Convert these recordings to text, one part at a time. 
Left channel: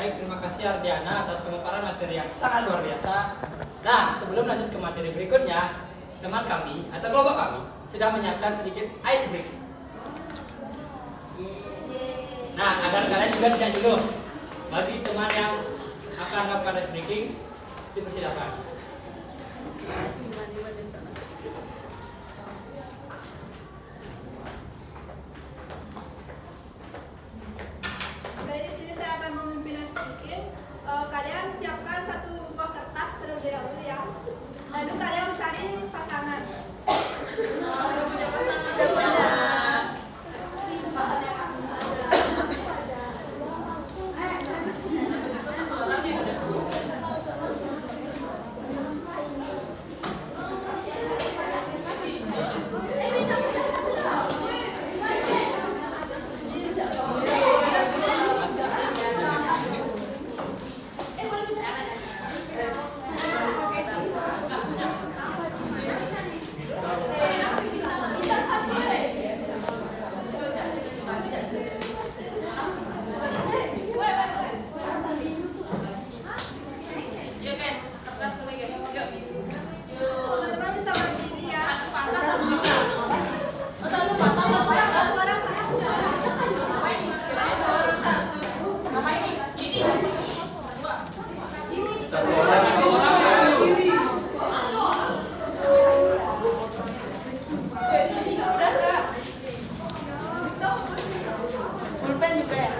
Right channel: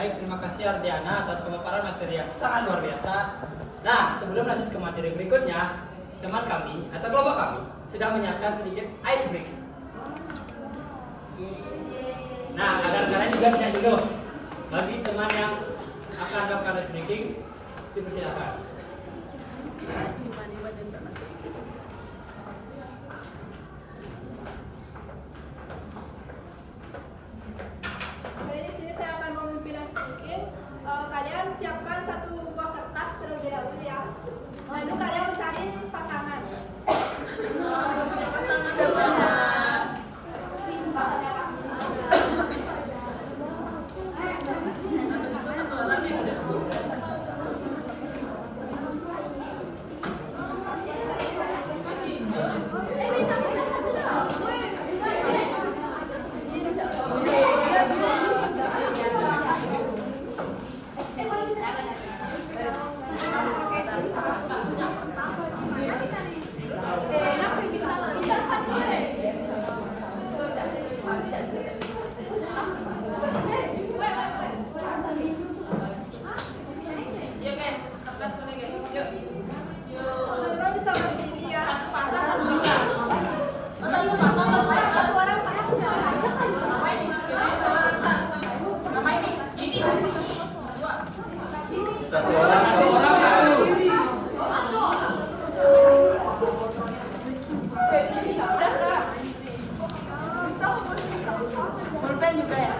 Baik, terima kasih Ardiana atas pemaparan materi yang sangat luar biasa. Nah, sebelum lanjut ke materi berikutnya, teman kami atau kelompok kami sudah menyiapkan sedikit ice breaking. Nah, agar kalian juga tidak jenuh, bagi teman yang akan melakukan ice breaking, dipersilakan. Di sini saya akan memimpin ice breaking. Kalian siapkan satu buah kertas terlebih dahulu ya. Lalu kalian mencari pasangan. Yuk guys, kertas mulai guys. Yuk. Teman-teman bisa berdiri ya. Satu pasang, satu kertas. Satu orang satu. Mama ini dua. Satu orang satu. Pulpen juga ya?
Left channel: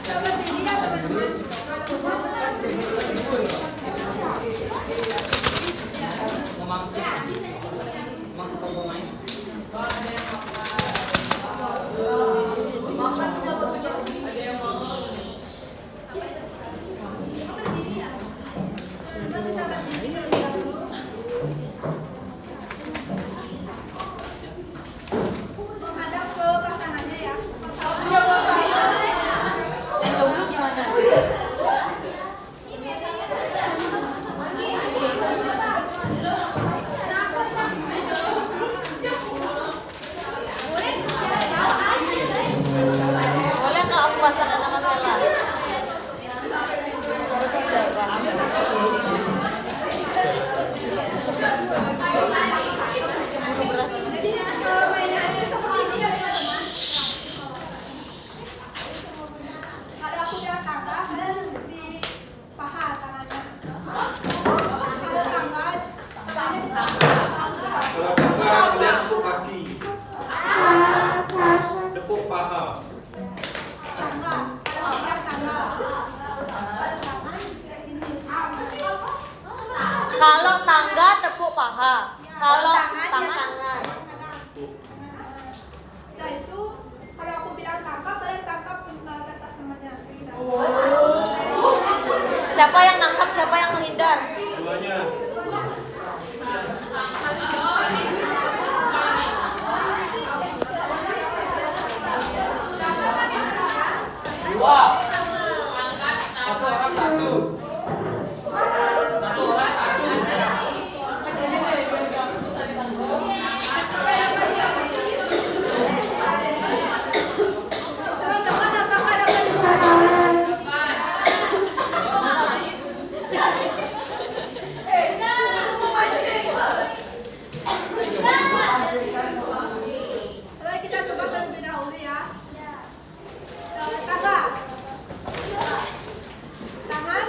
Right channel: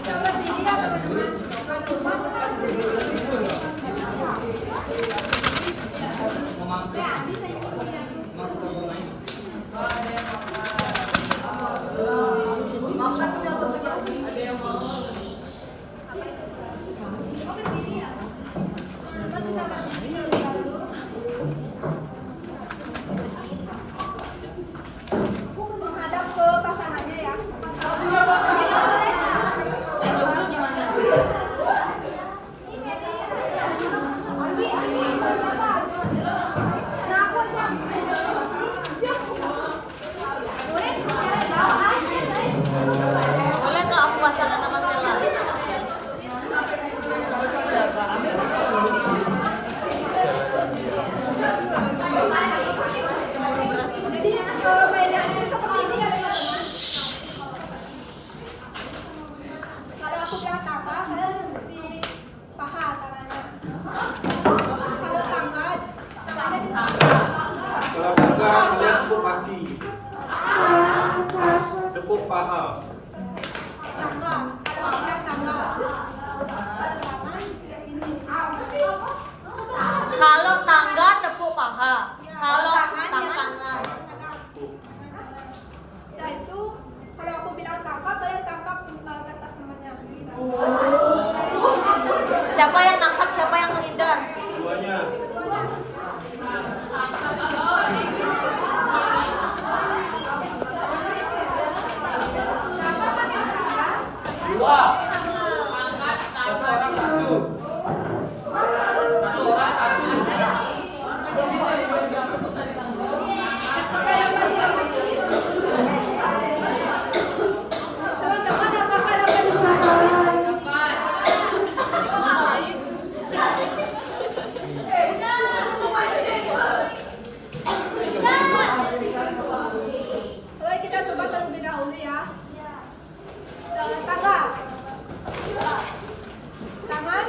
Coba berdiri ya teman-teman. Memang suka pemain. Teman-teman bisa berdiri terlebih dahulu. Menghadap ke pasangannya ya. Boleh nggak aku pasangan sama Stella? Jadi mainannya seperti ini ya teman-teman. Kalau aku bilang tangga, kalian di paha tangannya. Kalau tangga, tangannya di paha. Kalau tangga kalian tepuk kaki. Tepuk paha. Tangga, kalau aku bilang tangga. Kalau tangan, kayak gini. Kalau tangga tepuk paha. Kalau tangan Nah itu, kalau aku bilang tangkap, kalian tangkap kertas temannya. siapa yang nangkap, siapa yang menghindar? Duanya. Dua. Satu orang satu. Satu orang satu. Teman-teman, apakah dapat diperhatikan? Oke, kita coba terlebih dahulu ya. Tangga. Tangan.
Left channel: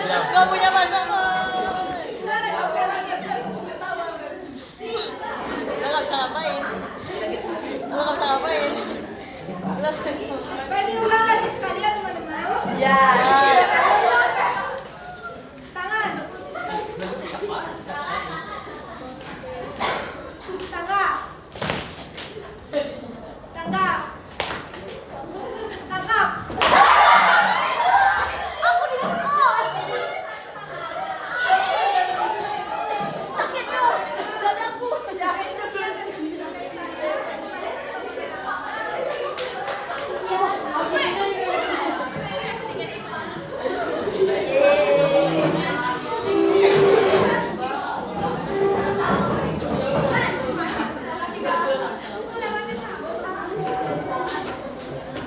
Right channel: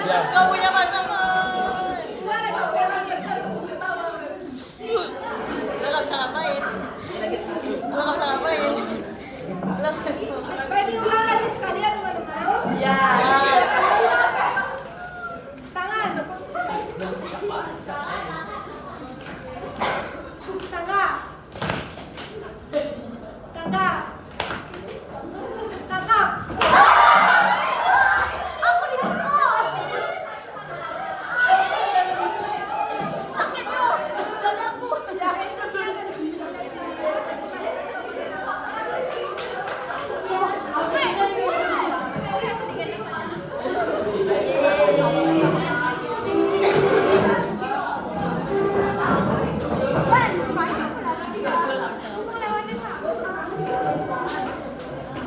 diam. Gak punya pasangan. Enggak ada sekali. Udah gak bisa ngapain. Udah gak bisa ngapain. Boleh diulang lagi sekalian teman-teman. Ya. Tangan. Tangga. Tangga. Tangkap. Aku ditangkap. Sakit tuh. Dadaku. Jangan sekian dari saya.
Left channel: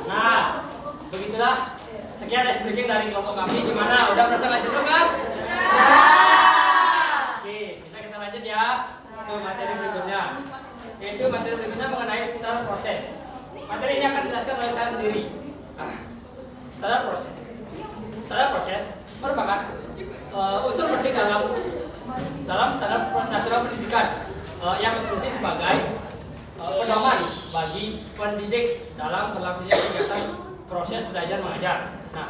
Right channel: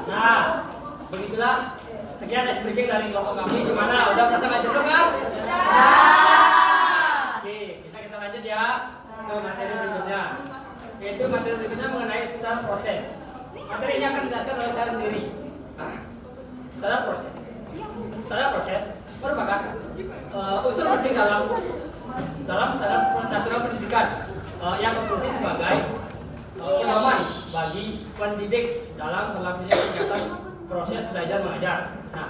Nah, begitulah sekian ice breaking dari kelompok kami. Gimana? Udah merasa ngajar dulu kan? Oke, bisa kita lanjut ya ke materi berikutnya. Yaitu materi berikutnya mengenai standar proses. Materi ini akan dijelaskan oleh saya sendiri. Standar proses. Standar proses merupakan unsur penting dalam standar nasional pendidikan yang berfungsi sebagai pedoman bagi pendidik dalam berlangsungnya kegiatan proses belajar mengajar. Nah,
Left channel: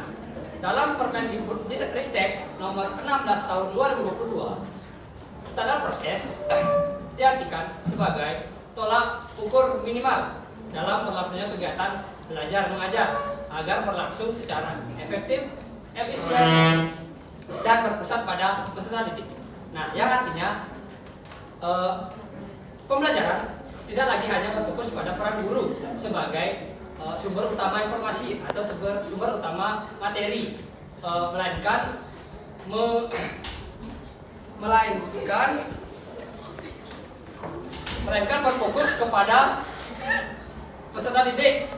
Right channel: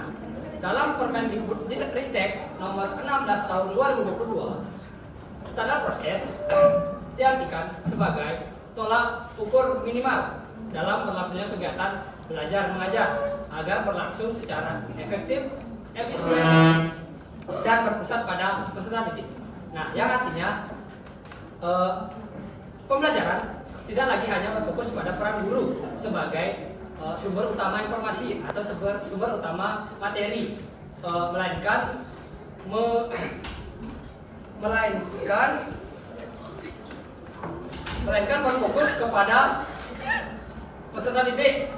dalam Permendikbudristek nomor 16 tahun 2022, standar proses diartikan sebagai tolak ukur minimal dalam berlangsungnya kegiatan belajar mengajar agar berlangsung secara efektif, efisien, dan berpusat pada peserta didik. Nah, yang artinya pembelajaran tidak lagi hanya berfokus pada peran guru sebagai sumber utama informasi atau sumber utama materi, melainkan berfokus kepada peserta didik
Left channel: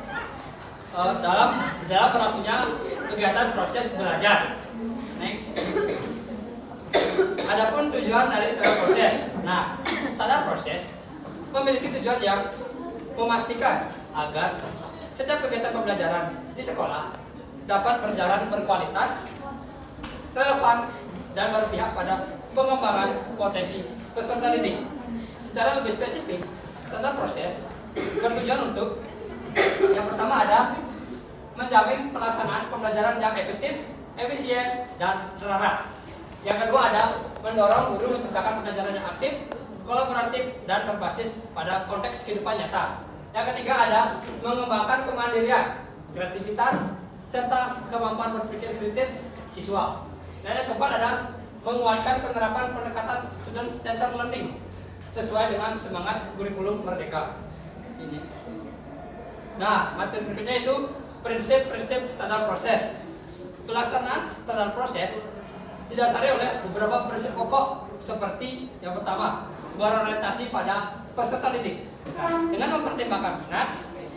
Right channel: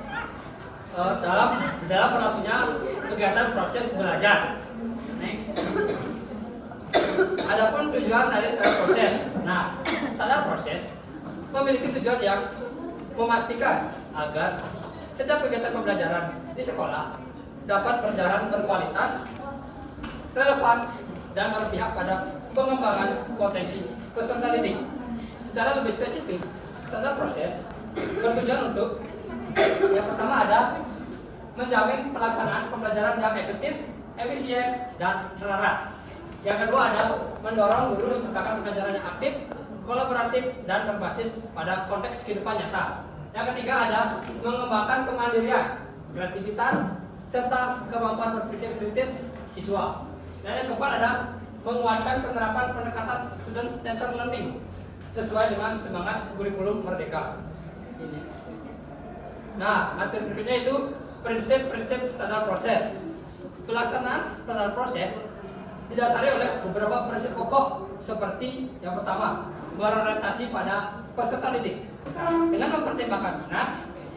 dalam berlangsungnya kegiatan proses belajar. Next. Adapun tujuan dari standar proses. Nah, standar proses memiliki tujuan yang memastikan agar setiap kegiatan pembelajaran di sekolah dapat berjalan berkualitas, relevan, dan berpihak pada pengembangan potensi peserta didik. Secara lebih spesifik, standar proses bertujuan untuk yang pertama ada menjamin pelaksanaan pembelajaran yang efektif, efisien, dan terarah. Yang kedua ada mendorong guru menciptakan pembelajaran yang aktif, kolaboratif, dan berbasis pada konteks kehidupan nyata. Yang ketiga ada mengembangkan kemandirian, kreativitas, serta kemampuan berpikir kritis siswa. Dan yang keempat ada menguatkan penerapan pendekatan student centered learning sesuai dengan semangat kurikulum merdeka. Ini. Nah, materi berikutnya itu prinsip-prinsip standar proses. Pelaksanaan standar proses didasari oleh beberapa prinsip pokok seperti yang pertama, berorientasi pada peserta didik. Nah, dengan mempertimbangkan minat,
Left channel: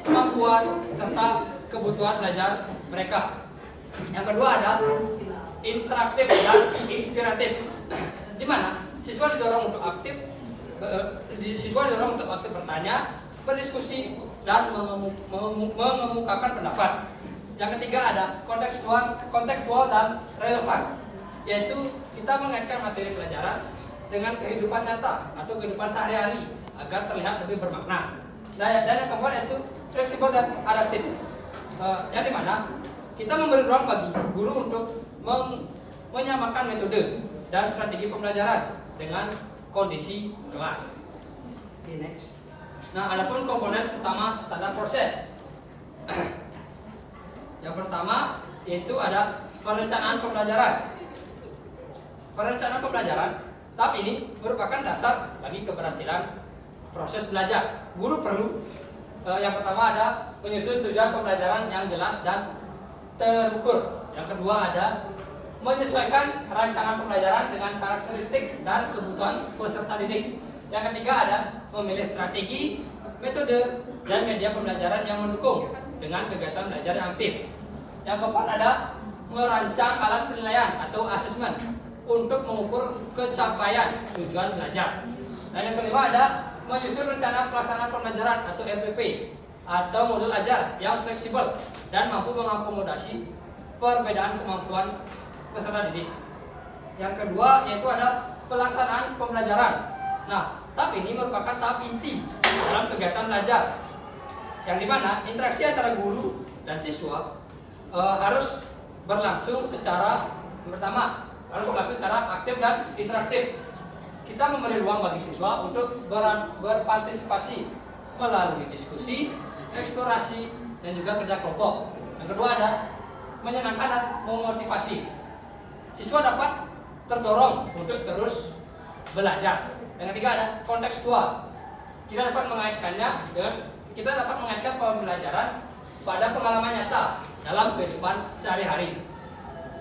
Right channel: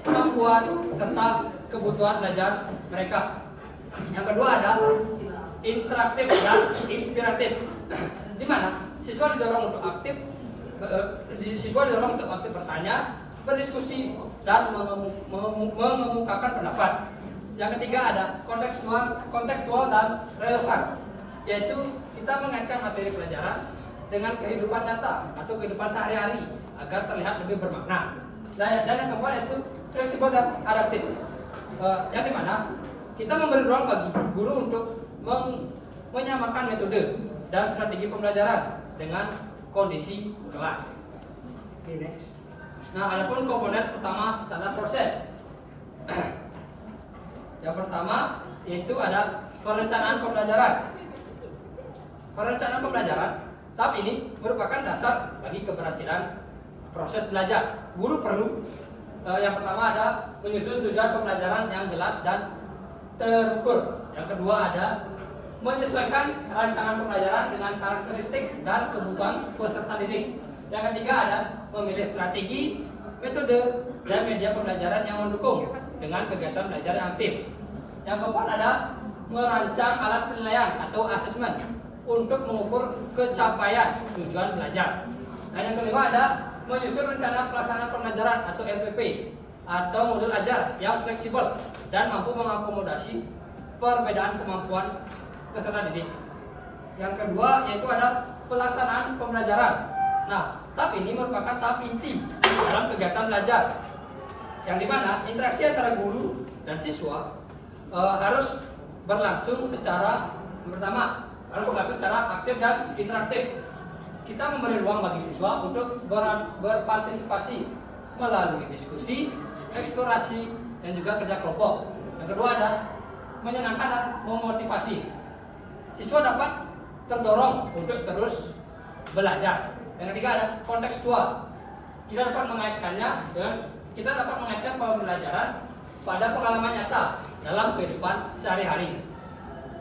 kemampuan, serta kebutuhan belajar mereka. Yang kedua ada interaktif dan inspiratif, di mana siswa didorong untuk aktif bertanya, berdiskusi, dan mengemukakan pendapat. Yang ketiga ada kontekstual dan relevan, yaitu kita mengaitkan materi pelajaran dengan kehidupan nyata atau kehidupan sehari-hari agar terlihat lebih bermakna. Dan yang keempat yaitu fleksibel dan adaptif, yang dimana kita memberi ruang bagi guru untuk menyamakan metode dan strategi pembelajaran dengan kondisi kelas. Okay, next. Nah, adapun komponen utama standar proses. Yang pertama yaitu ada perencanaan pembelajaran. Perencanaan pembelajaran tahap ini merupakan dasar bagi keberhasilan proses belajar. Guru perlu yang pertama ada menyusun tujuan pembelajaran yang jelas dan terukur. Yang kedua ada menyesuaikan rancangan pembelajaran dengan karakteristik dan kebutuhan peserta didik. Yang ketiga ada memilih strategi, metode, dan media pembelajaran yang mendukung dengan kegiatan belajar yang aktif. Yang keempat ada merancang alat penilaian atau assessment untuk mengukur kecapaian tujuan belajar. Dan yang kelima ada menyusun rencana pelaksanaan pembelajaran atau RPP atau modul ajar yang fleksibel dan mampu mengakomodasi perbedaan kemampuan peserta didik. yang kedua yaitu ada pelaksanaan pembelajaran. Nah, tahap ini merupakan tahap inti dalam kegiatan belajar, yang dimana interaksi antara guru dan siswa harus berlangsung secara aktif dan interaktif. Kita memberi ruang bagi siswa untuk berpartisipasi melalui diskusi, eksplorasi, dan juga kerja kelompok. Yang kedua ada menyenangkan dan memotivasi. Siswa dapat terdorong untuk terus belajar. Yang ketiga ada kontekstual. Kita dapat mengaitkan pembelajaran pada pengalaman nyata dalam kehidupan sehari-hari.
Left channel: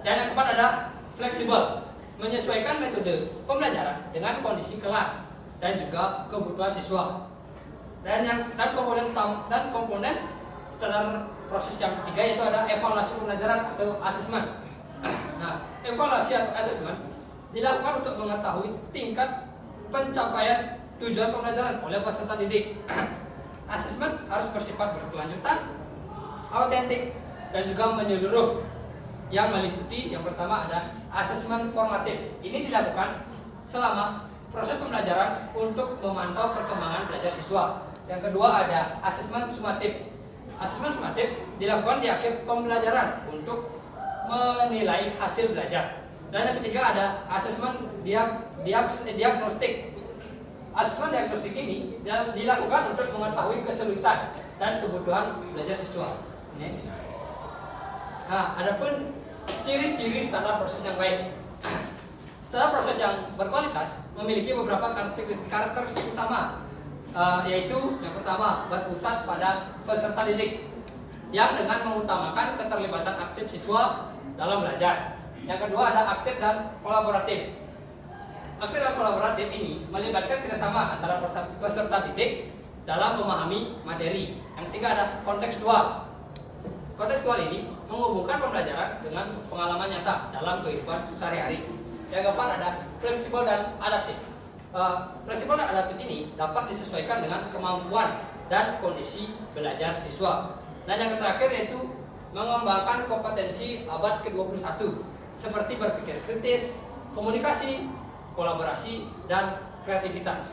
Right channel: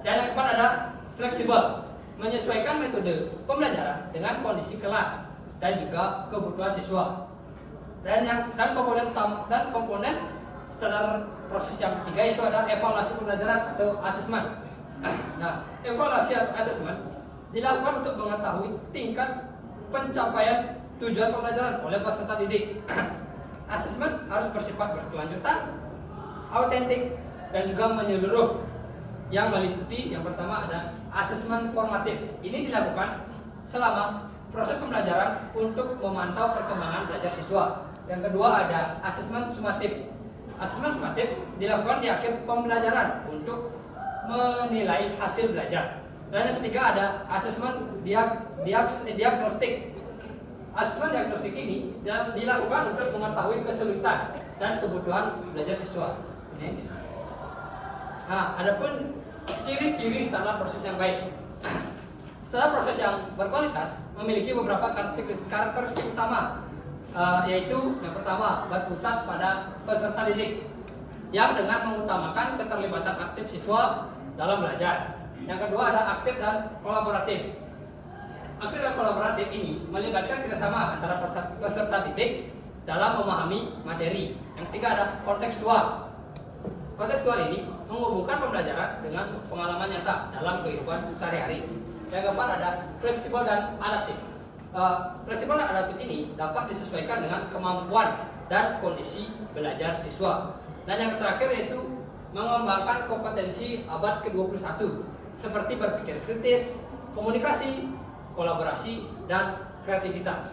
Dan yang keempat ada fleksibel, menyesuaikan metode pembelajaran dengan kondisi kelas dan juga kebutuhan siswa. Dan komponen standar proses yang ketiga yaitu ada evaluasi pembelajaran atau asesmen. Nah, evaluasi atau asesmen dilakukan untuk mengetahui tingkat pencapaian tujuan pembelajaran oleh peserta didik. Asesmen harus bersifat berkelanjutan, autentik, dan juga menyeluruh. Yang meliputi yang pertama ada asesmen formatif. Ini dilakukan selama proses pembelajaran untuk memantau perkembangan belajar siswa. Yang kedua ada asesmen sumatif. Asesmen sumatif dilakukan di akhir pembelajaran untuk menilai hasil belajar. Dan yang ketiga ada asesmen diagnostik. Asesmen diagnostik ini dilakukan untuk mengetahui kesulitan dan kebutuhan belajar siswa. Nah, adapun ciri-ciri standar proses yang baik. Standar proses yang berkualitas memiliki beberapa karakteristik utama, yaitu yang pertama berpusat pada peserta didik yang dengan mengutamakan keterlibatan aktif siswa dalam belajar. Yang kedua ada aktif dan kolaboratif. Aktif dan kolaboratif ini melibatkan kerjasama antara peserta didik dalam memahami materi. Yang ketiga ada kontekstual. Kontekstual ini menghubungkan pembelajaran dengan pengalaman nyata dalam kehidupan sehari-hari. Yang keempat ada fleksibel dan adaptif. Fleksibel dan adaptif ini dapat disesuaikan dengan kemampuan dan kondisi belajar siswa. Dan yang terakhir yaitu mengembangkan kompetensi abad ke-21 seperti berpikir kritis, komunikasi, kolaborasi, dan kreativitas.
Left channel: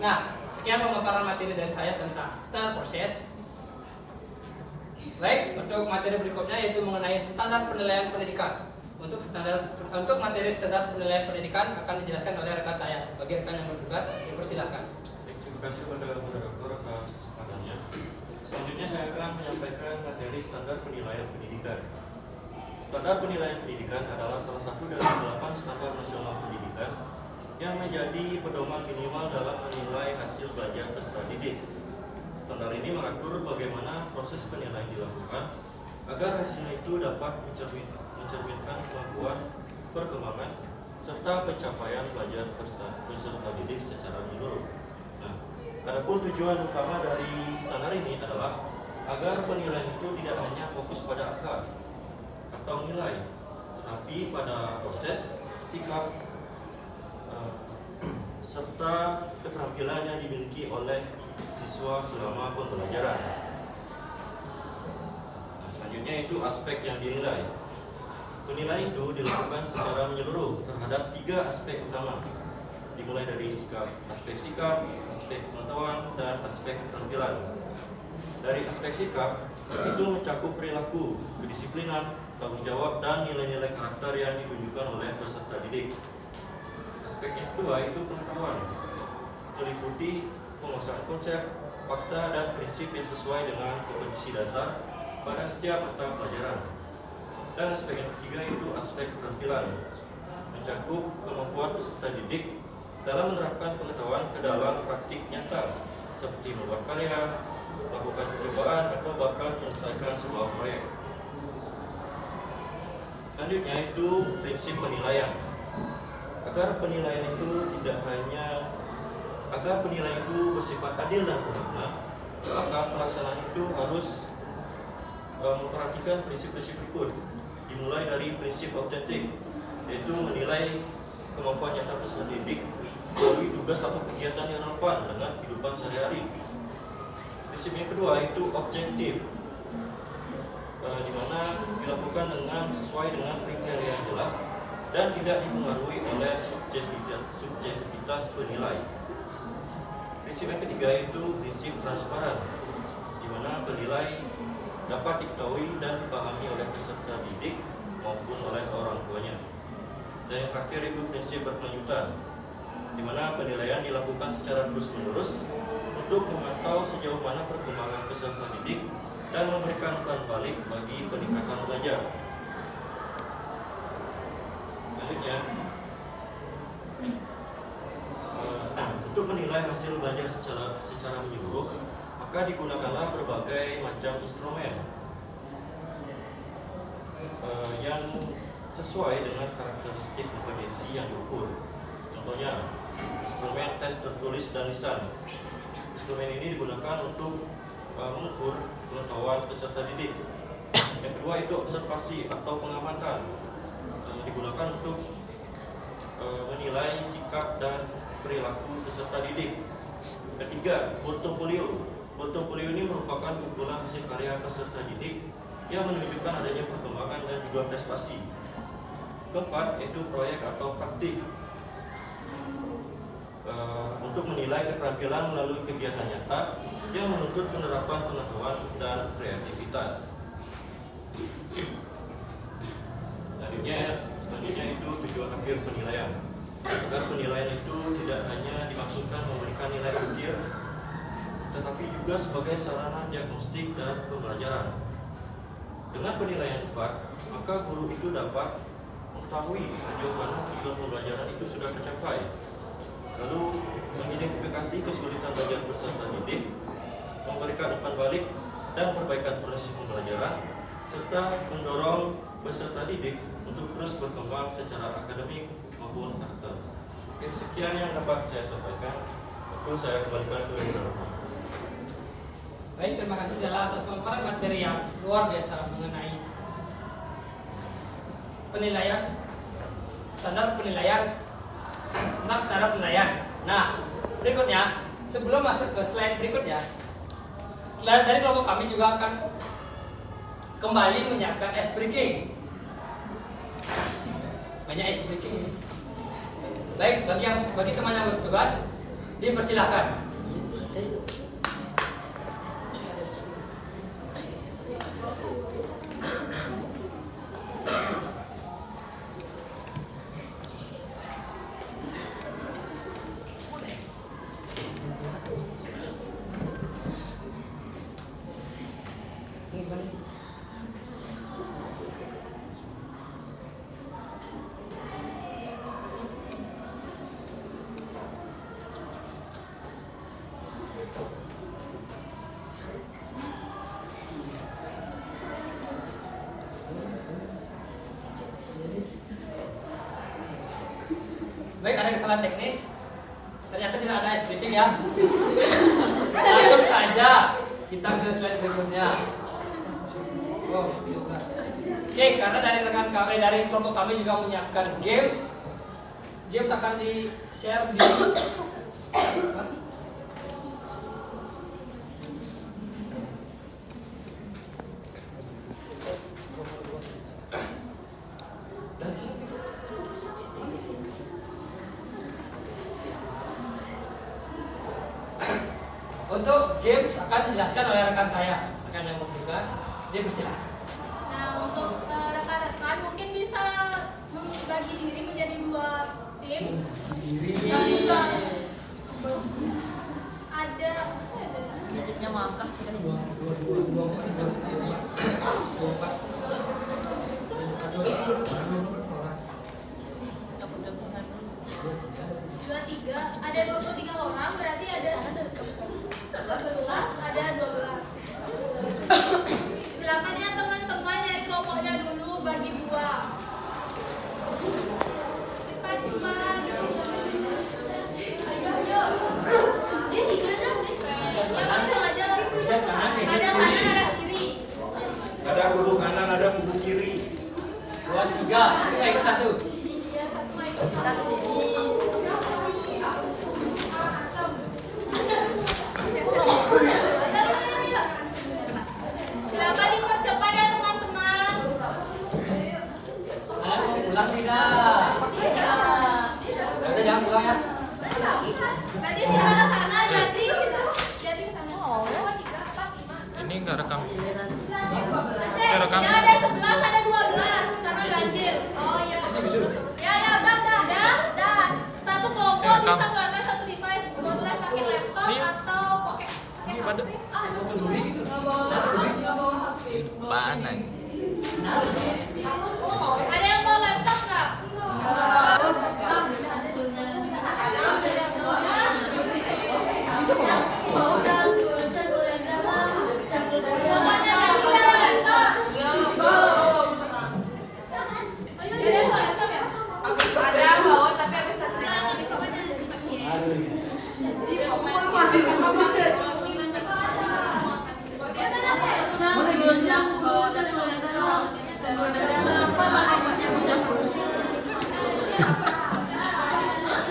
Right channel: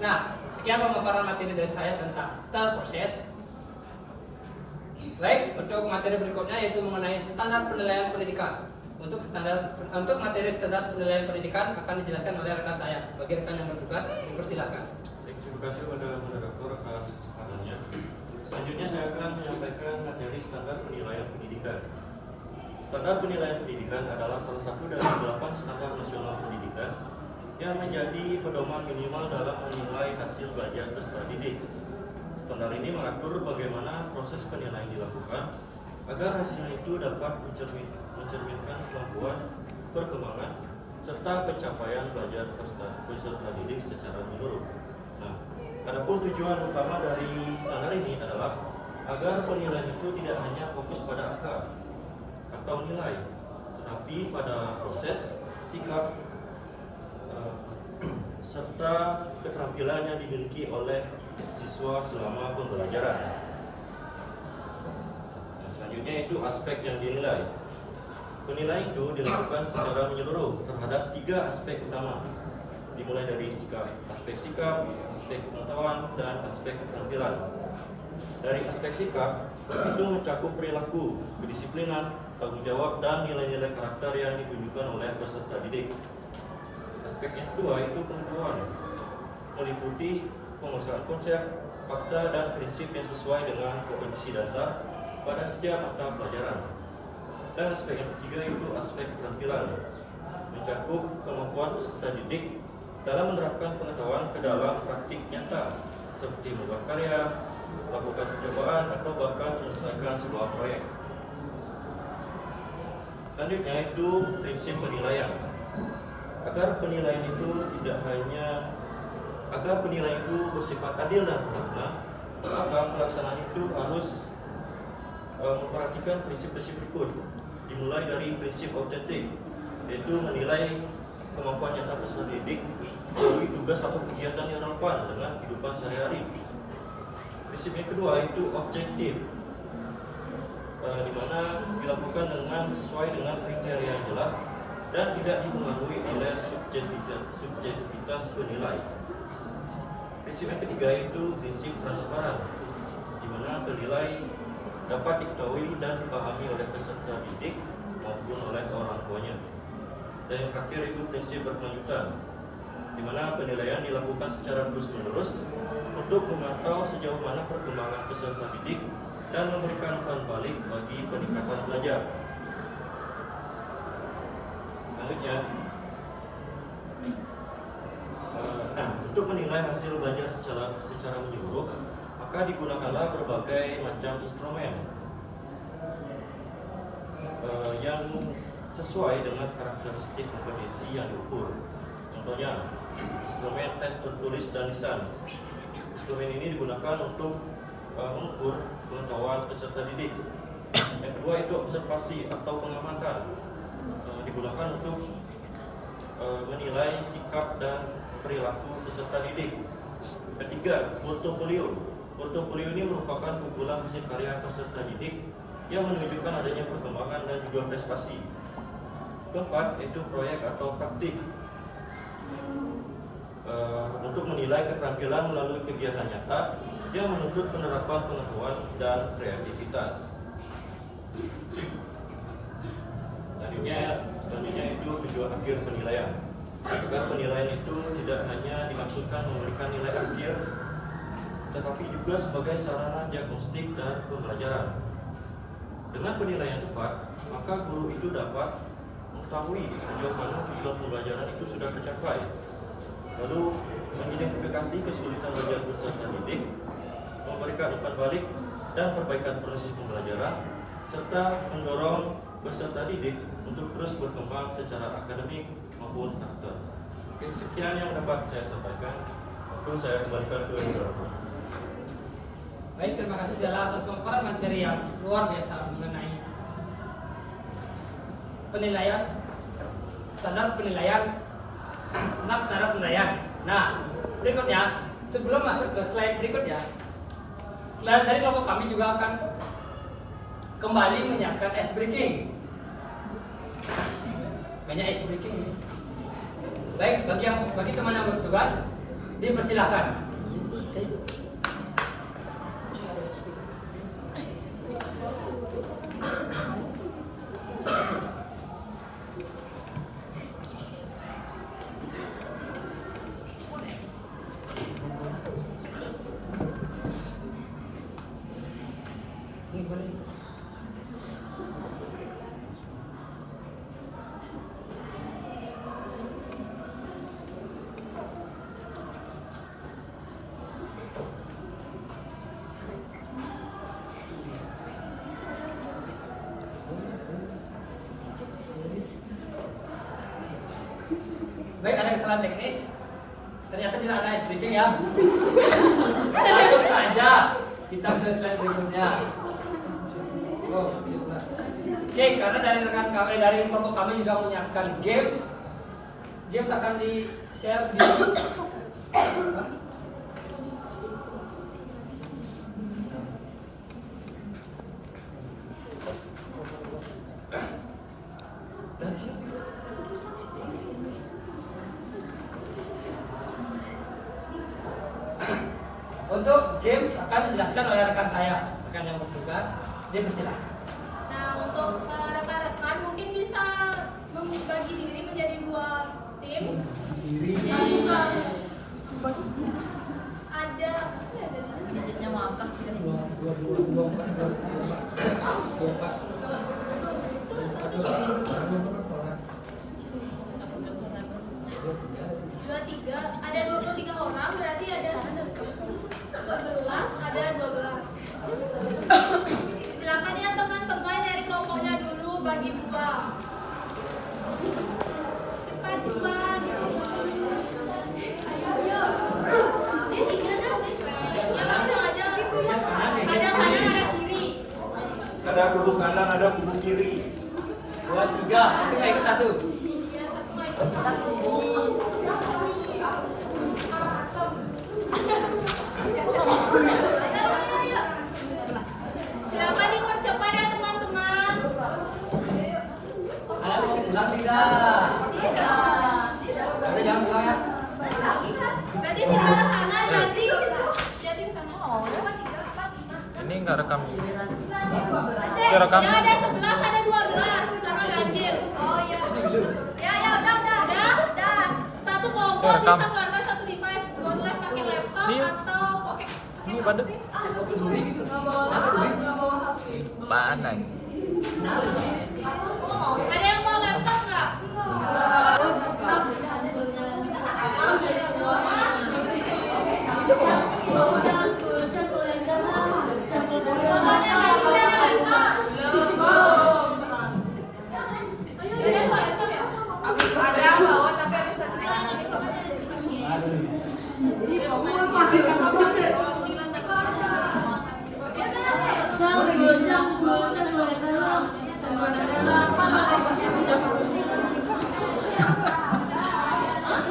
Nah, sekian pemaparan materi dari saya tentang standar proses. Baik, untuk materi berikutnya yaitu mengenai standar penilaian pendidikan. Untuk materi standar penilaian pendidikan akan dijelaskan oleh rekan saya. Bagi rekan yang bertugas, dipersilakan. Terima kasih kepada moderator atas kesempatannya. Selanjutnya saya akan menyampaikan materi standar penilaian pendidikan. Standar penilaian pendidikan adalah salah satu dari 8 standar nasional pendidikan yang menjadi pedoman minimal dalam menilai hasil belajar peserta didik. Standar ini mengatur bagaimana proses penilaian dilakukan agar hasilnya itu dapat mencerminkan kemampuan, perkembangan, serta pencapaian belajar peserta didik secara menyeluruh. Nah, adapun tujuan utama dari standar ini adalah agar penilaian itu tidak hanya fokus pada angka atau nilai, tetapi pada proses, sikap, serta keterampilan yang dimiliki oleh siswa selama pembelajaran. Nah, selanjutnya itu aspek yang dinilai. Penilaian itu dilakukan secara menyeluruh terhadap 3 aspek utama, dimulai dari aspek sikap, aspek pengetahuan, dan aspek keterampilan. Dari aspek sikap, itu mencakup perilaku, kedisiplinan, tanggung jawab, dan nilai-nilai karakter yang ditunjukkan oleh peserta didik. Aspek yang kedua itu pengetahuan, meliputi penguasaan konsep, fakta, dan prinsip yang sesuai dengan kompetensi dasar pada setiap mata pelajaran. Dan aspek yang ketiga itu aspek keterampilan, mencakup kemampuan peserta didik dalam menerapkan pengetahuan ke dalam praktik nyata, seperti membuat karya, melakukan percobaan, atau bahkan menyelesaikan sebuah proyek. Selanjutnya itu prinsip penilaian. Agar penilaian itu bersifat adil dan bermakna, maka pelaksanaan itu harus memperhatikan prinsip-prinsip berikut. Dimulai dari prinsip autentik, yaitu menilai kemampuan nyata peserta didik melalui tugas atau kegiatan yang relevan dengan kehidupan sehari-hari. Prinsip yang kedua itu objektif, di mana dilakukan sesuai dengan kriteria yang jelas dan tidak dipengaruhi oleh subjektivitas penilai. Prinsip yang ketiga yaitu prinsip transparan, di mana penilai dapat diketahui dan dipahami oleh peserta didik maupun oleh orang tuanya. Dan yang terakhir itu prinsip berkelanjutan, di mana penilaian dilakukan secara terus-menerus untuk memantau sejauh mana perkembangan peserta didik dan memberikan umpan balik bagi peningkatan belajar. Selanjutnya, untuk menilai hasil belajar secara menyeluruh, maka digunakanlah berbagai macam instrumen yang sesuai dengan karakteristik kompetensi yang diukur. Contohnya, instrumen tes tertulis dan lisan. Instrumen ini digunakan untuk mengukur pengetahuan peserta didik. Yang kedua itu observasi atau pengamatan, digunakan untuk menilai sikap dan perilaku peserta didik. Ketiga, portofolio. Portofolio ini merupakan kumpulan hasil karya peserta didik yang menunjukkan adanya perkembangan dan juga prestasi. Keempat, yaitu proyek atau praktik, untuk menilai keterampilan melalui kegiatan nyata yang menuntut penerapan pengetahuan dan kreativitas. Selanjutnya itu tujuan akhir penilaian. Agar penilaian itu tidak hanya dimaksudkan memberikan nilai akhir, tetapi juga sebagai sarana diagnostik dan pembelajaran. Dengan penilaian tepat, maka guru itu dapat mengetahui sejauh mana tujuan pembelajaran itu sudah tercapai, lalu mengidentifikasi kesulitan belajar peserta didik, memberikan umpan balik dan perbaikan proses pembelajaran, serta mendorong peserta didik untuk terus berkembang secara akademik maupun karakter. Oke, sekian yang dapat saya sampaikan. Waktu saya kembalikan ke Indra. Baik, terima kasih Stella atas pemaparan materi yang luar biasa mengenai penilaian, standar penilaian, tentang standar penilaian. Nah, berikutnya, sebelum masuk ke slide berikutnya, dari kelompok kami juga akan kembali menyiapkan ice breaking. Banyak ice breaking ini. Baik, bagi teman yang bertugas, dipersilakan. Baik, ada kesalahan teknis. Ternyata tidak ada ice breaking ya. Langsung saja kita ke slide berikutnya. Oh, oke, karena dari rekan kami, dari kelompok kami juga menyiapkan games. Games akan di-share di Untuk games akan dijelaskan oleh rekan saya, rekan yang bertugas. Dia bersilakan. Nah, untuk rekan-rekan mungkin bisa membagi diri menjadi 2 tim. Ada Budgetnya makan sudah. dua tiga, ada 23 orang, berarti ada 11, ada 12. Silakan ya teman-teman, nyari kelompoknya dulu, bagi 2. Cepat. Ayo. Ini gimana? Ya langsung aja. Ada kanan, ada kiri. Ada kubu kanan, ada kubu kiri. 2, 3, itu nggak ikut 1. Ya, 1 nggak ikut 1. Silakan dipercepat ya teman-teman. Kalian mau pulang tidak? rekam. Saya rekam. Ya ada 11, ada 12 karena ganjil. Oh iya. Ya udah. Satu kelompok Saya rekam. bisa keluarkan satu device. Boleh pakai laptop Iya. atau pakai Ini pada apaan lagi? Ada yang mau laptop nggak? Pokoknya nggak bisa laptop. Ada bawa tapi habis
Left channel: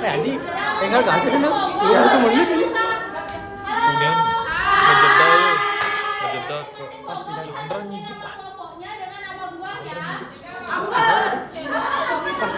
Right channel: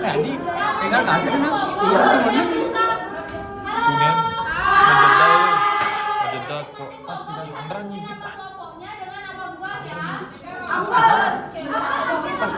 Jadi tinggal ganti sana. Iya. Kemudian ngejedot kok. Chandra nih kita. Pas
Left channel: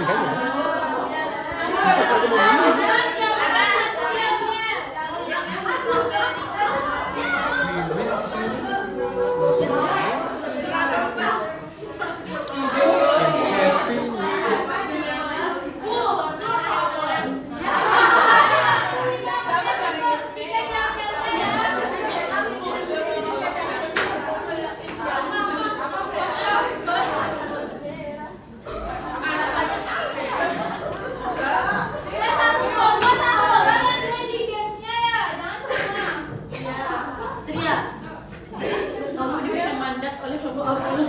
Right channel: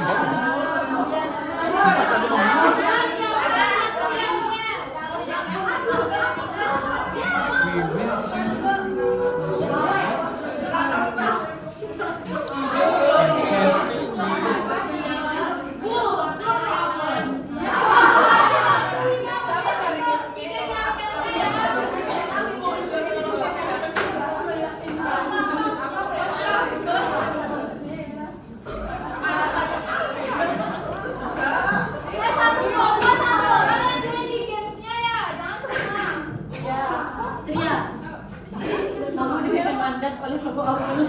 pindah. Kamu dibikin mandat oleh Bapak Abdul.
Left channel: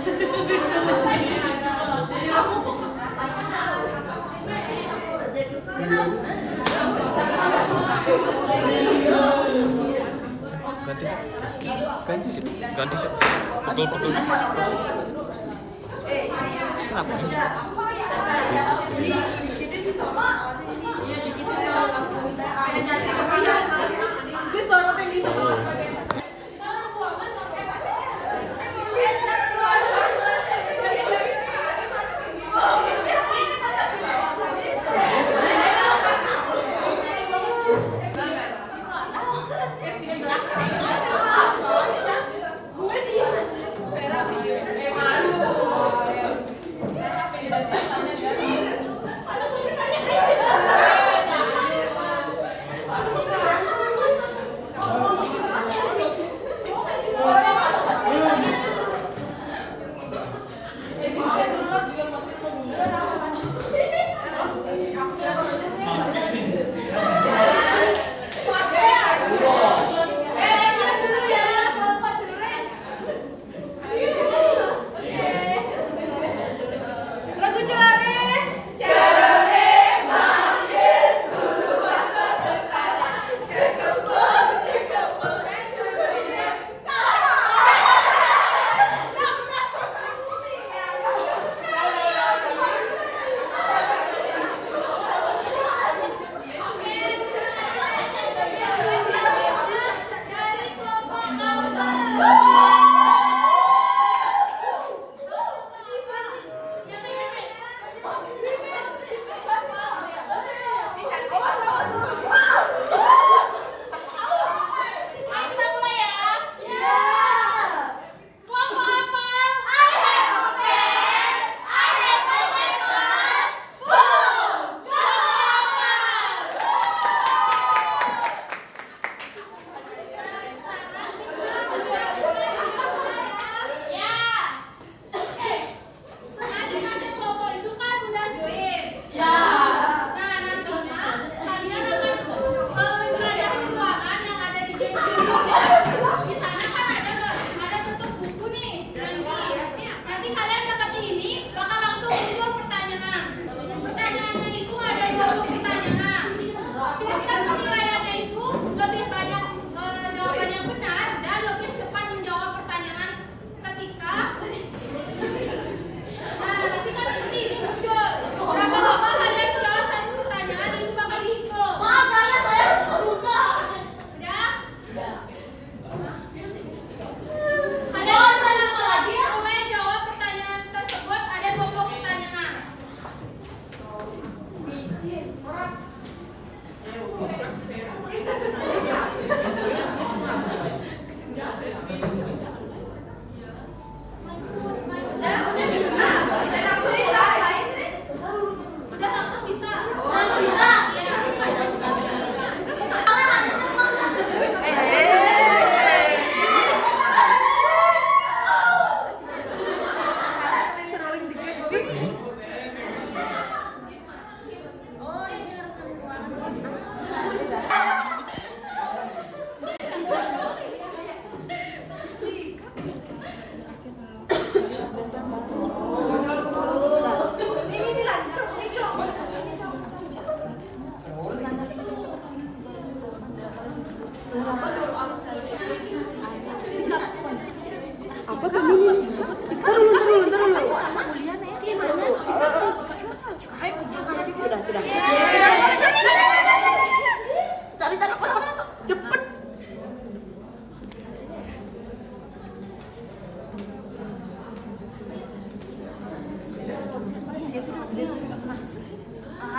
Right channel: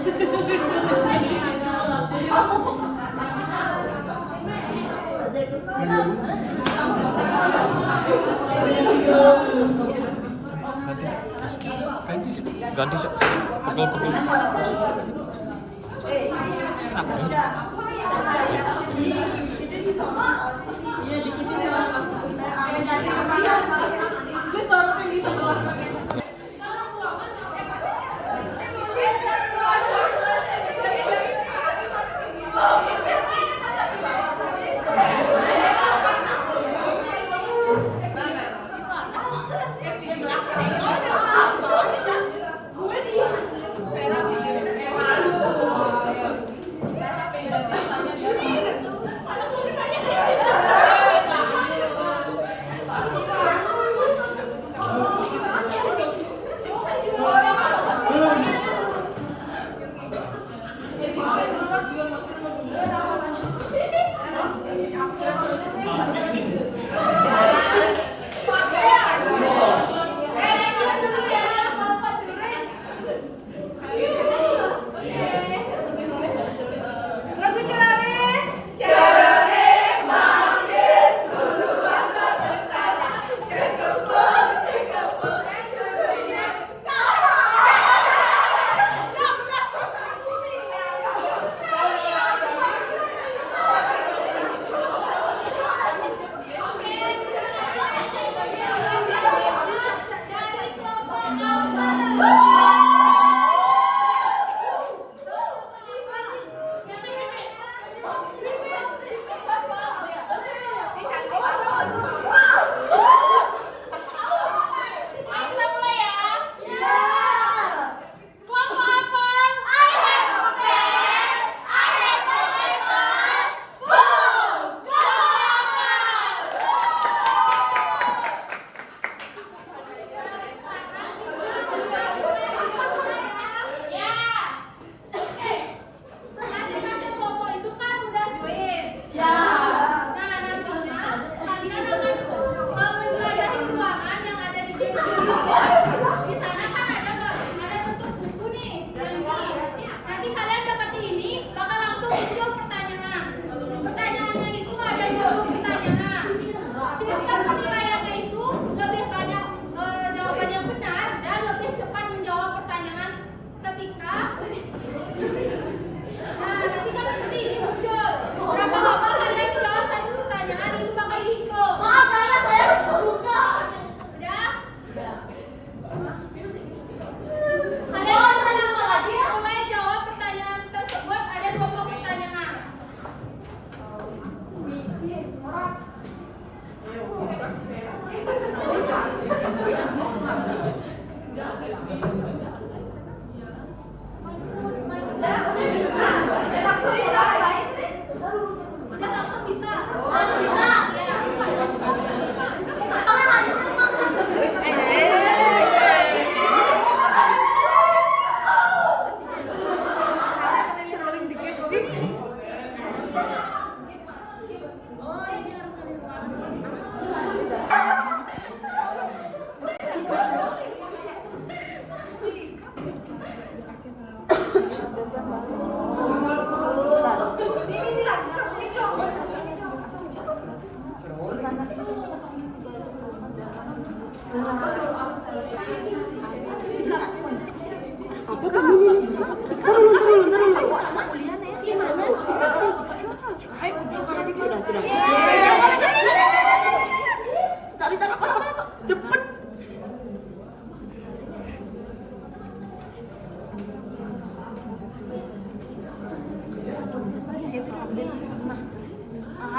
Ganti sok. Pegel. Kenapa? Iya dikitin soal aku. Ini sorot yang bisa keluar.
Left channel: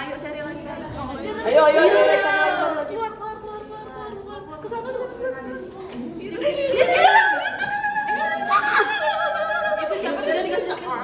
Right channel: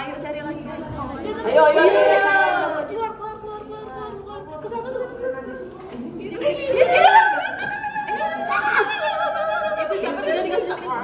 Ayo cari lagi guys. Ayo. Keluar. Kesana tuh. Itu siapa sih dia dikasih jaket?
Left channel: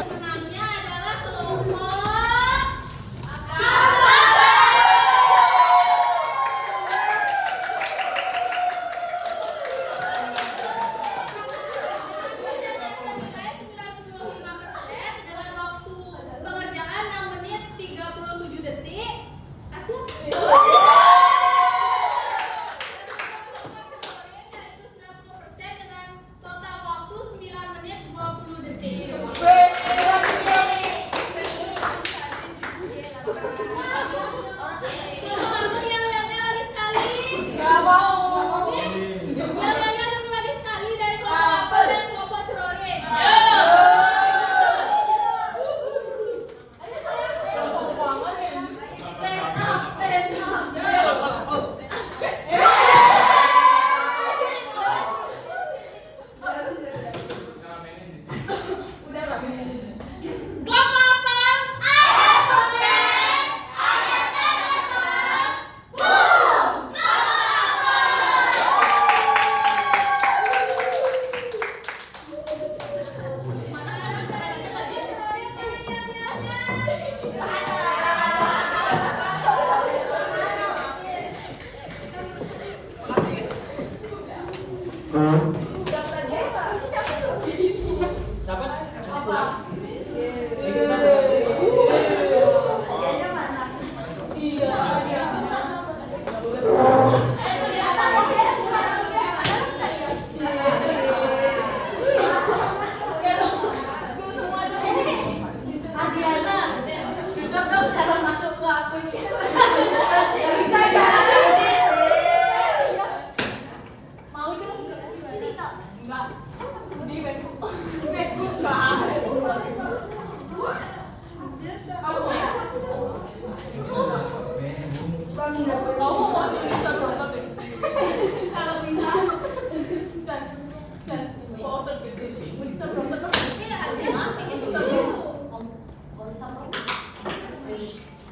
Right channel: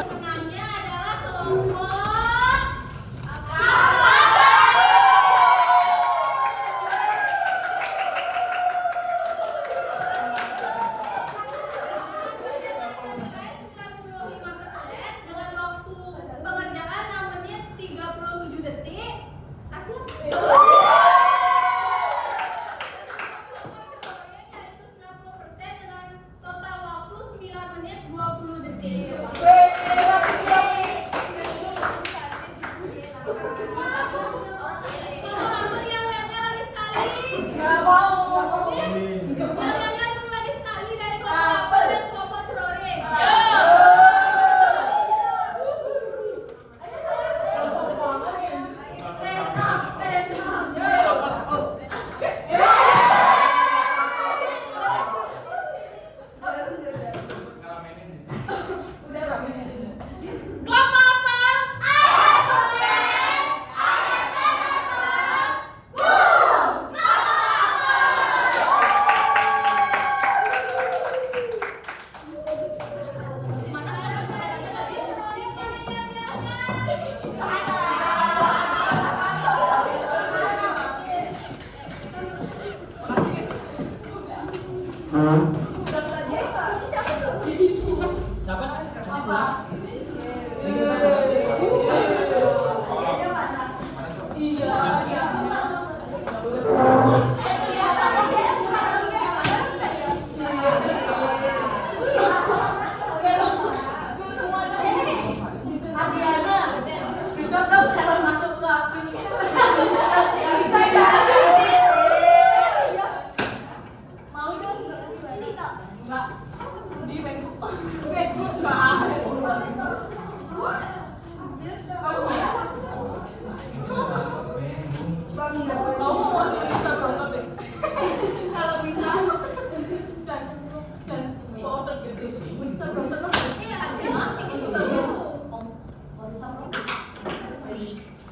Pemenangnya adalah kelompok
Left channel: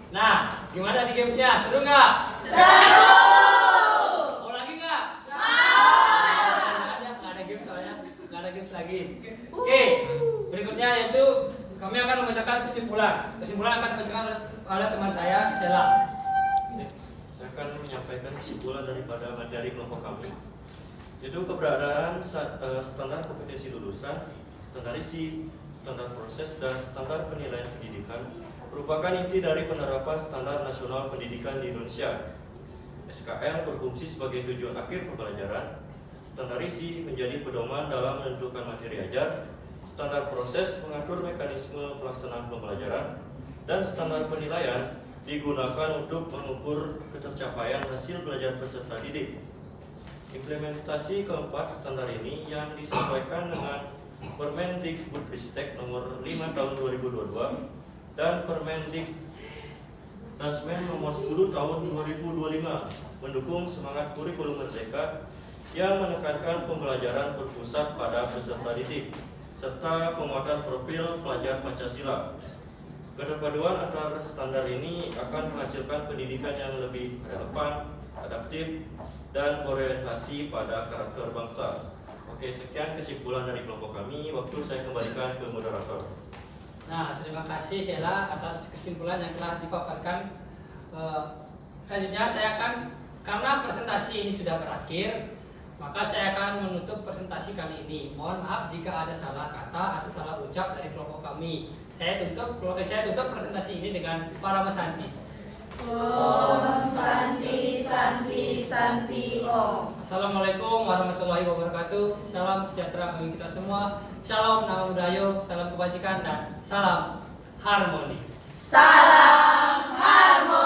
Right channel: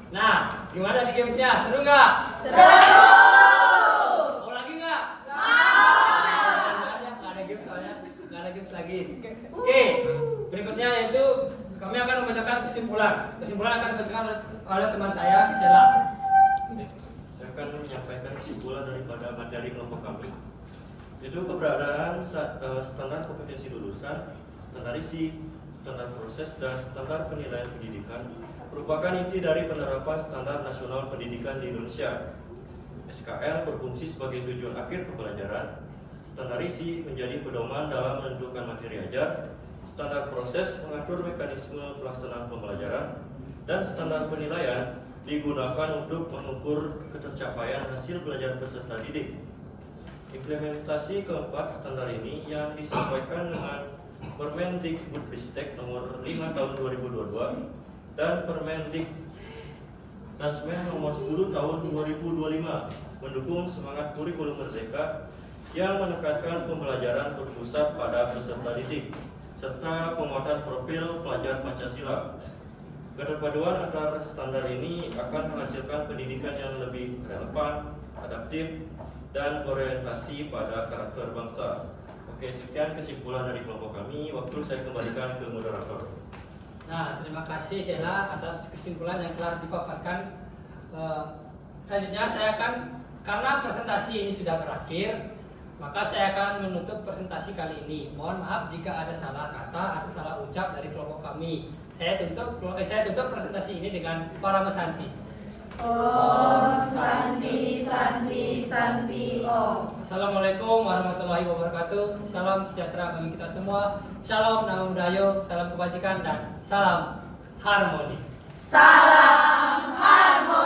Nah, gimana di gamesnya? Seru nggak? Seru. Mau lagi nggak? Nggak ada games soalnya, nggak ada games lagi. Oke, berikutnya yaitu kami akan membacakan kesimpulan. Kesimpulan akan dibacakan oleh teman saya, Sela. Saya akan menyampaikan kesimpulan daripada materi kelompok kami, yaitu keberadaan standar kompetensi lulusan, standar isi, standar proses, dan standar penilaian pendidikan merupakan inti dari penerapan standar nasional pendidikan di Indonesia. SKL berfungsi sebagai tujuan akhir pembelajaran, standar isi menjadi pedoman dalam menentukan materi ajar, standar proses mengatur mekanisme pelaksanaan pembelajaran, dan standar penilaian digunakan untuk mengukur ketercapaian hasil belajar peserta didik. Implementasi keempat standar ini yang disesuaikan dengan Permendikbudristek nomor 5 tahun 2022 dan Permendikbudristek nomor 10 tahun 2025 mendukung semangat kurikulum merdeka yang menekankan pembelajaran berpusat pada peserta didik serta penguatan profil pelajar Pancasila. Keterpaduan antara standar ini akan menghasilkan pendidikan yang lebih relevan, adaptif, dan orientasi pada karakter bangsa. Oke, sekian kesimpulan dari kelompok kami. Waktu saya kembalikan ke moderator. Nah, terima kasih Sheila atas kesimpulan yang telah dipaparkan. Selanjutnya saya akan, karena presentasi ini sudah berakhir, maka saya akan menutup presentasi kali ini. Mohon maaf jika ada salah kata atau salah ucap dari kelompok kami. Saya tutup presentasi ini dengan para mesanti. Om Santi Santi Santi Om. Assalamualaikum warahmatullahi wabarakatuh. Salam sejahtera bagi kita semua. Shalom nama budaya, salam kebajikan, dan salam harmoni. Salam harmoni.